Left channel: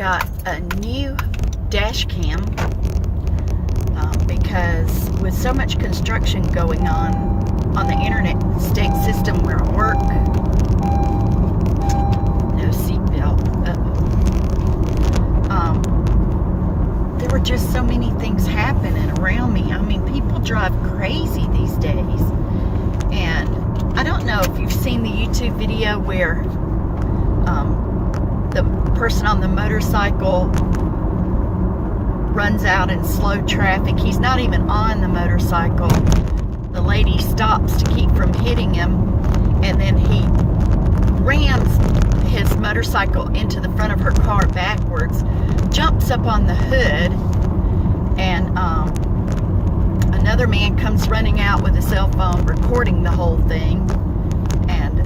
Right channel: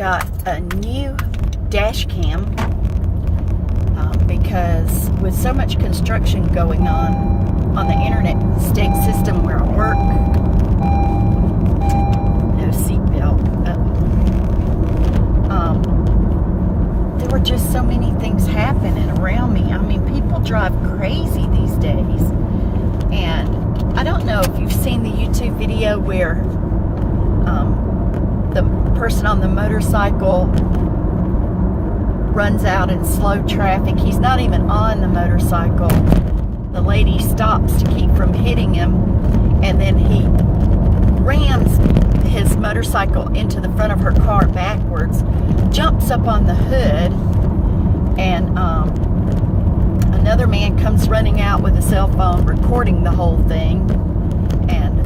got a new dash cam because with so much construction going on the internet state system where I work, no seatbelt, there were just so many things happening around me. I mean, people drive crazy these days, and I don't know if you've seen the YouTube video where the person on the motorcycle runs out in slow traffic. He's not even on the motorcycle. The lady stops to keep from hitting him, and then he rams his motorcycle into the front of her car backwards, jumps up on the hood, and another man comes running out with a cell phone recording the whole thing, and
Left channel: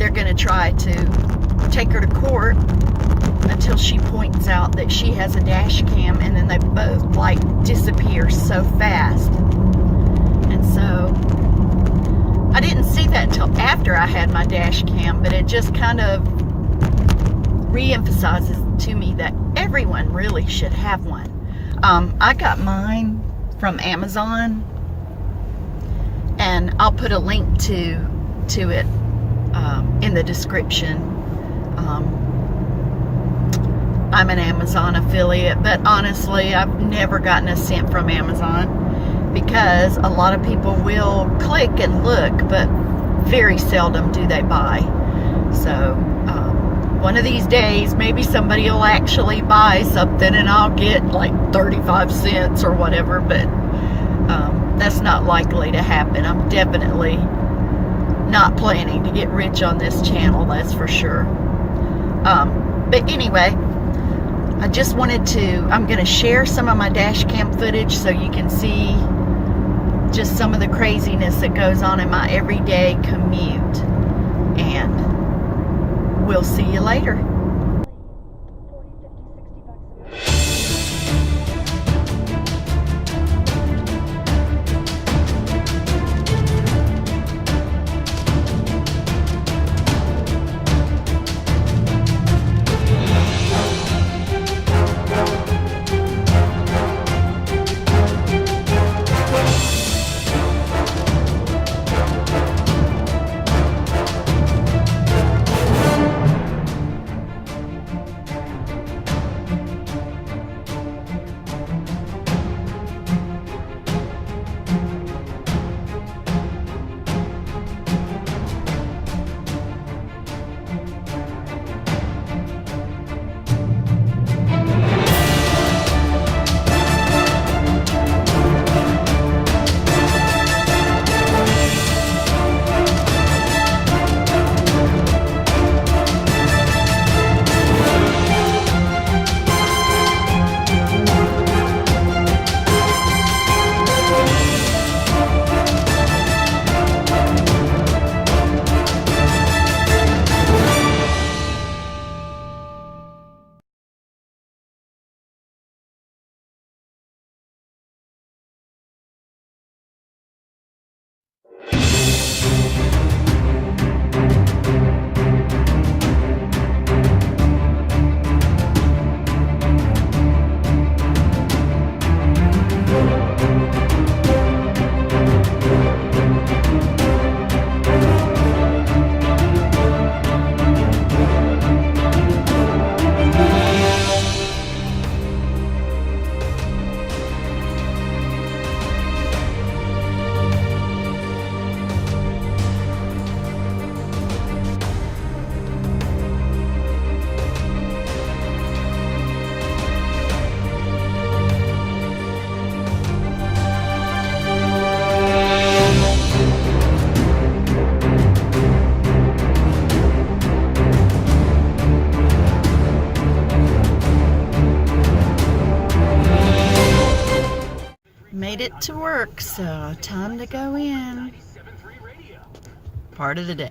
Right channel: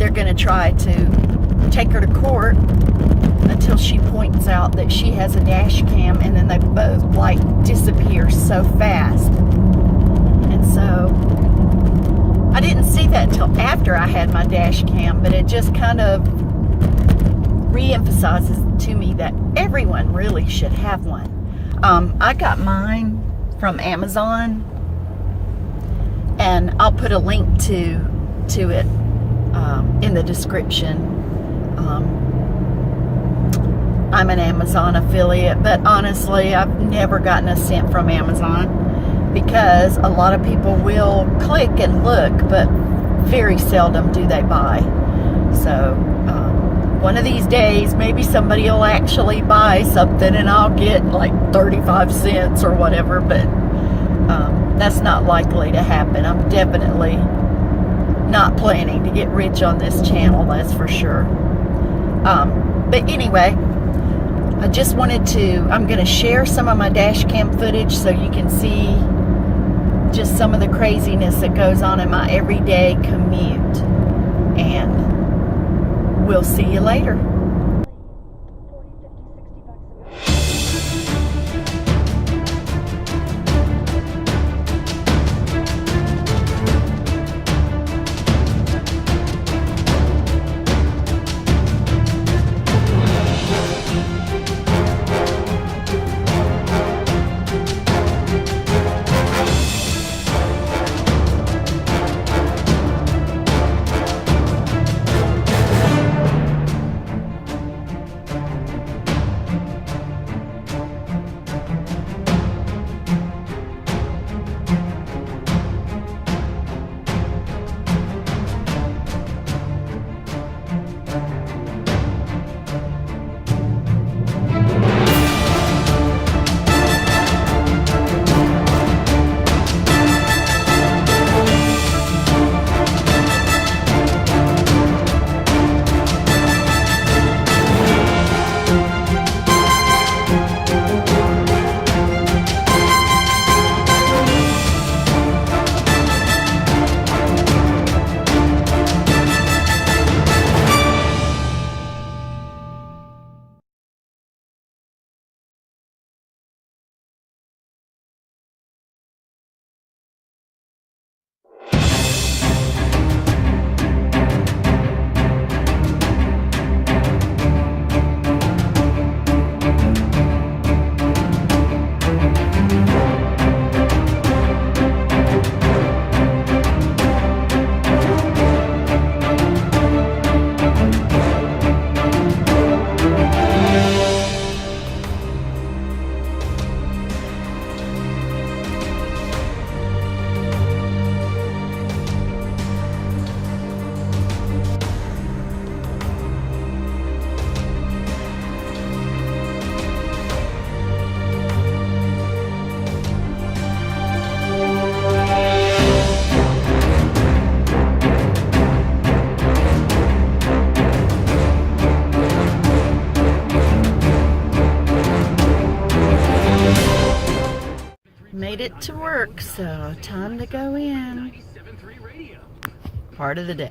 they're going to try to take her to court until she points out that she has a dash cam, and then they both like disappear so fast. And so I didn't see that until after I had my dash cam, but it just kind of re-emphasizes to me that everyone really should have one. I got mine from Amazon, and I'll put a link to it in the description. I'm an Amazon affiliate, but honestly, I've never gotten a cent from Amazon because a lot of people will click and look, but very seldom do they buy. So one of these days, maybe somebody will actually buy something and I'll get like 35 cents or whatever, but that's not likely to happen. I'm definitely not planning to get rich on this channel, that's for sure. But anyway, I just wanted to, I'm going to share some of my dash cam footage so you can see just some of the craziness that goes on in my everyday commute. And we'll see you later. Made it to work, so time to go in. Part of the day.